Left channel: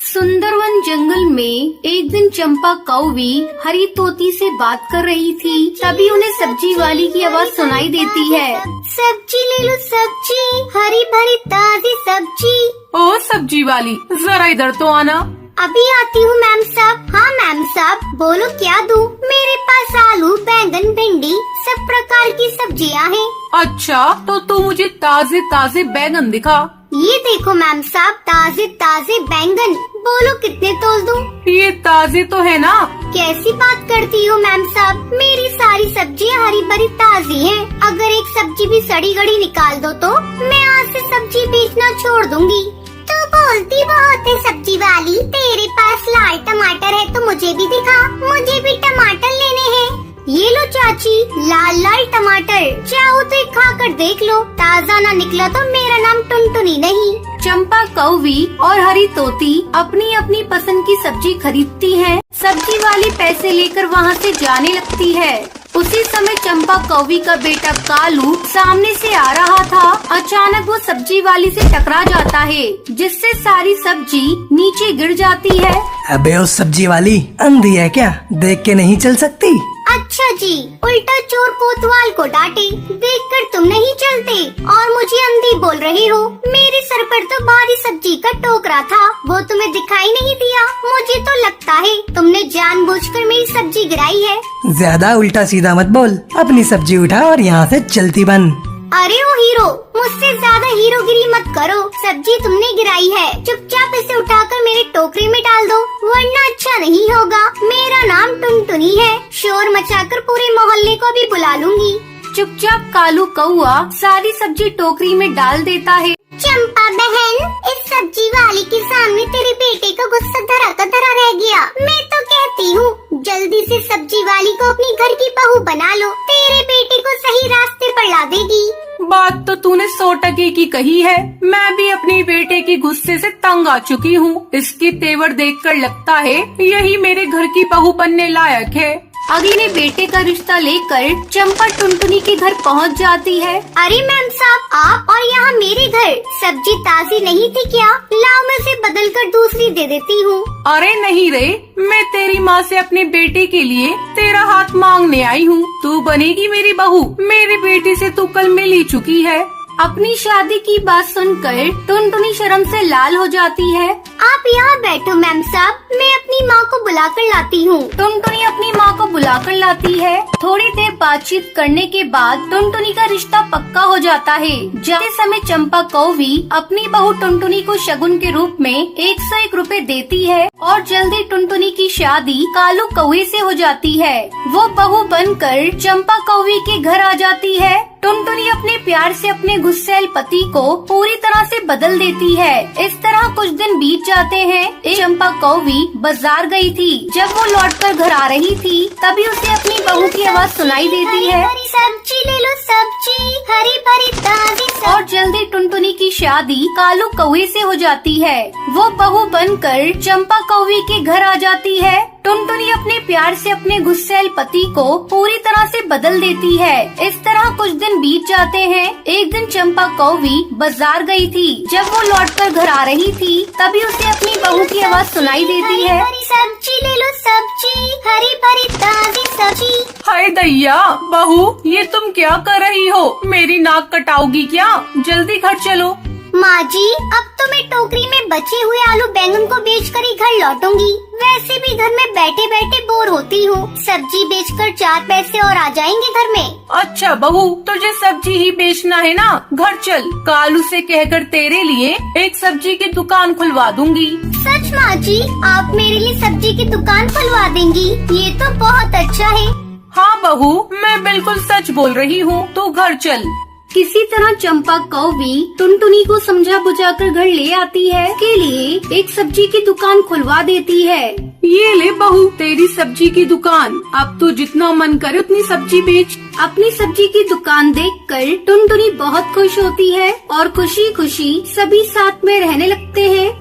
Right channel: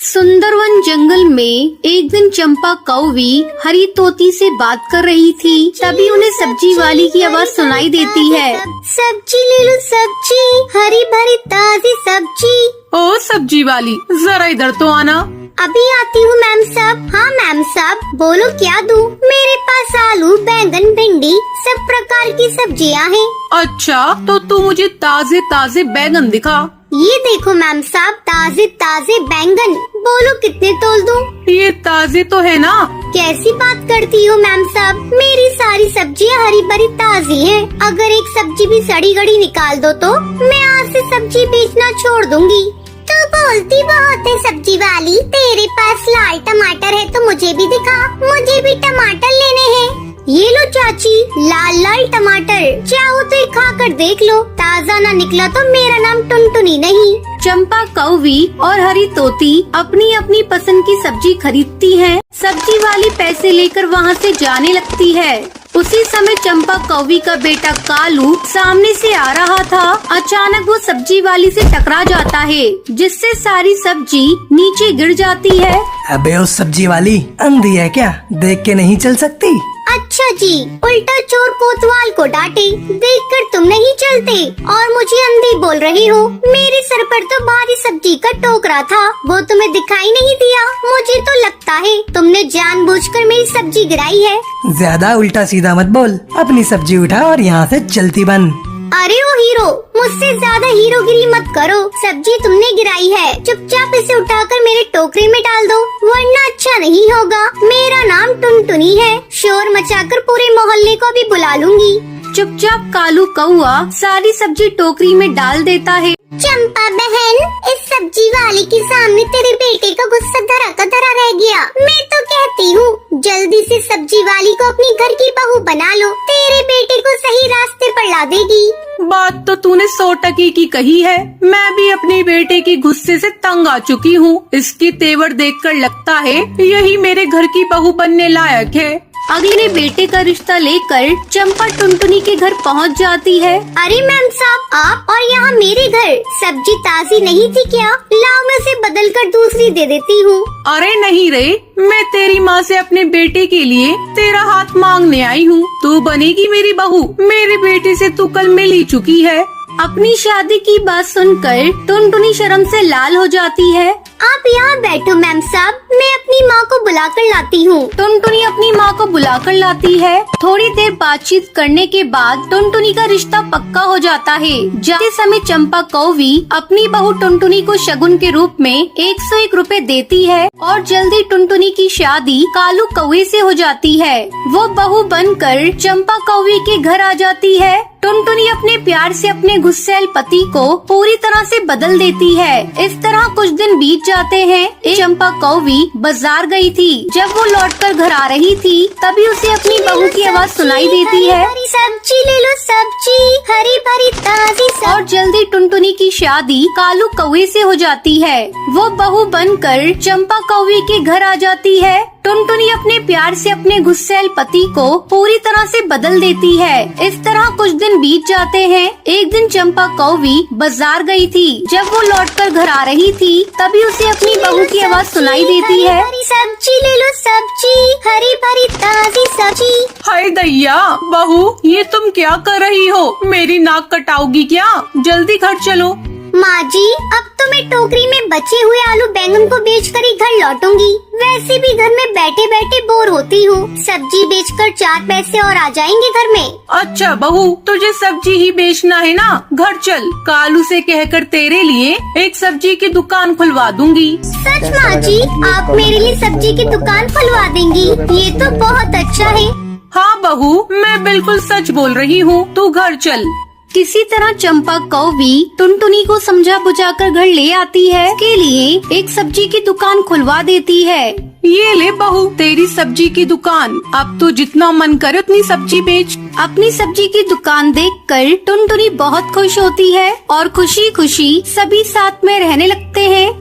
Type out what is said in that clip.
सुंदरवन जंगल में एक दिन चंपा कौवी हरी तोती से बात कर रही थी। तभी उन्हें सब्जी वाली की आवाज सुनाई देती है। सब्जी ले लो, सब्जी, हरी भरी ताजी सब्जी। ओ सब्जी वाली, जरा इधर तो आना। अभी आती हूँ मैम साहब। हाँ मैम साहब, बोलो क्या दूँ? मेरे पास आलू, बैंगन, भिंडी सब प्रकार की सब्जियाँ हैं। अच्छा, तो तू मुझे ताजे ताजे बैगन दिखा। ये देखो मैम साहब, ताजे ताजे बैंगन। बोलो कितने तोल दूँ? ये ताजे तो है ना? कैसी बात करती हो मैम साहब, मेरी सारी सब्जियाँ हरी भरी ताजी हैं। अगर एक सब्जी भी सड़ी गड़ी निकाल दो तो मैं आज से सब्जी बेचना छोड़ दूंगी। तो बोलती बहुत है सब्जी वाली, तेरे पास लाल टमाटर है तो मुझे भी दिखा, मुझे भी टमाटर लेने हैं। ये लो चाची, लाल लाल टमाटर, चाहो तो एक खा कर देख लो, ताजा ना निकला तो मेरा नाम टुनटुनी नहीं। चंपा कौवी और हरी तोती अपनी अपनी पसंद की सब्जी खरीदती हैं। सब्जी वाली पैसे लेकर वहाँ से जाने लगती है। उसी समय चंपा कौवी का बेटा कालू सामने से आ रहा था। अचानक वो सब्जी वाली से टकरा जाता है, जिससे सारी सब्जी नीचे गिर जाती है। अबे उस सब्जी वाली अंधी है क्या, देख के नहीं चल सकती? अच्छा जी, उल्टा चोर कोतवाल को डांटे, देखकर तुम नहीं चलते और मुझे अंधी बोल रही हो। मेरे सर पर तो भारी सब्जी का टोकरा था, वो तुम्हें दिखाई नहीं दिया। मुझे तो लगता है तुमने जानबूझकर मेरी सब्जी गिराई है। ज्यादा उल्टा सीधा मत बोल, अपनी सब्जी उठा और यहाँ से चलती बन। अरे ओ हीरो, मुझसे ज्यादा हीरोगिरी मत करो। सब्जी तुमने गिराई है, चुपचाप इसे उठाकर मेरे टोकरे में डाल दो, वरना अच्छा नहीं होगा। मेरा नाम टुनटुनी है, शोर मचाकर पूरे मोहल्ले को भी बुला लूंगी। चुपचाप कालू कौआ सारी सब्जी टोकरी में डाल देता है। चंपा बहन, इस सब्जी वाली के सामने तेरे बेटे को गुस्सा धरा का धरा रह गया। मैं तो कहती हूँ जल्दी से सब्जी वाली को अपनी घर की बहू बना लो, तेरे बेटे को सही रास्ते पर ला देगी। बात तो तूने 100% की कही है। मैं भी अपनी बेटे के गुस्से से तंग आ चुकी हूँ। इसकी तेवर देखकर लगता है यही मेरे घर की बहू बनने लायक है। अगले बेटे का रिश्ता लेकर चंपा टुनटुनी के घर पहुंच जाती है। अरे मैम साहब, आप और यहाँ मेरे घर सब्जी ताजी नहीं थी क्या? लाओ, मैं उसे बदल कर दूसरी दे देती हूँ। अरे नहीं रे, मैं तेरी माँ से अपने बेटे के लिए तेरा हाथ मांगने आई हूँ। तू बनेगी मेरी बहू। मेरे बेटे से तू कल मिल ही चुकी है। अपनी शादी की बात सुनकर टुनटुनी शर्म से लाल हो जाती है। आप यहाँ बैठो मैम साहब, मैं अपनी माँ को बुलाकर लाती हूँ। टुनटुनी अपनी माँ को बुलाकर लाती है। थोड़ी देर बातचीत करने के बाद टुनटुनी का रिश्ता पक्का हो जाता है। जाते समय चंपा कौवी अपनी बहू टुनटुनी को शगुन के रूप में 101 रुपए देती है और जल्दी टुनटुनी की शादी कालू कौवे से हो जाती है। वो बहू बनकर चंपा कौवी के घर आ जाती है। टुनटुनी अपने प्यार से अपने गुस्सैल पति को पूरी तरह से बदल देती है। इस तरह कुछ दिन बीत जाते हैं। एक चंपा कौवी बाजार गई थी। जब वो लौटकर घर आ रही थी, तभी उसे अपनी बहू की आवाज सुनाई देती है। सब्जी ले लो, सब्जी, हरी भरी ताजी सब्जी। और जल्दी टुनटुनी की शादी कालू कौवे से हो जाती है। वो बहू बनकर चंपा कौवे के घर आ जाती है। टुनटुनी अपने प्यार से अपने गुस्सैल पति को पूरी तरह से बदल देती है। इस तरह कुछ दिन बीत जाते हैं। एक दिन चंपा कौवी बाजार गई थी। जब वो लौटकर घर आ रही थी, तभी उसे अपनी बहू की आवाज सुनाई देती है। सब्जी ले लो, सब्जी, हरी भरी ताजी सब्जी। हाय दैया, बहू ये तुम क्या कर रही हो? मेरी नाक कटाओगी क्या? जल्दी घर चलो। माँ जी, अब तो मैं टोकरी में बचे हुए आलू बैंगन को बेचकर ही घर लौटूंगी। वैसे भी घर में बैठे बैठे बोर होती हूँ, सब्जी बेचकर 4 पैसे और आ जाएंगे घर में। अच्छा बहू, तुझे सब्जी ही बेचना है ना? घर चल, कालू से कहकर तेरे लिए एक सब्जी की दुकान खुलवा दूंगी। सच माँ जी, आप मेरे लिए सब्जी की दुकान खुलवा देंगी? ये तो बहुत अच्छा है। हाँ बहू, मैं बिल्कुल सच बोल रही हूँ। तू घर चल। किसी तरह चंपा कौवी टुनटुनी को समझा बुझाकर घर ले आती है। के लिए एक सब्जी की दुकान खुलवा देती है। ये ले बहू, तेरी सब्जी की दुकान। अब तो जितना मन करे उतनी सब्जी बेच। अपनी सब्जी की दुकान देखकर टुनटुनी बहुत खुश होती है और खुशी खुशी सभी साथ में रहने लगते हैं।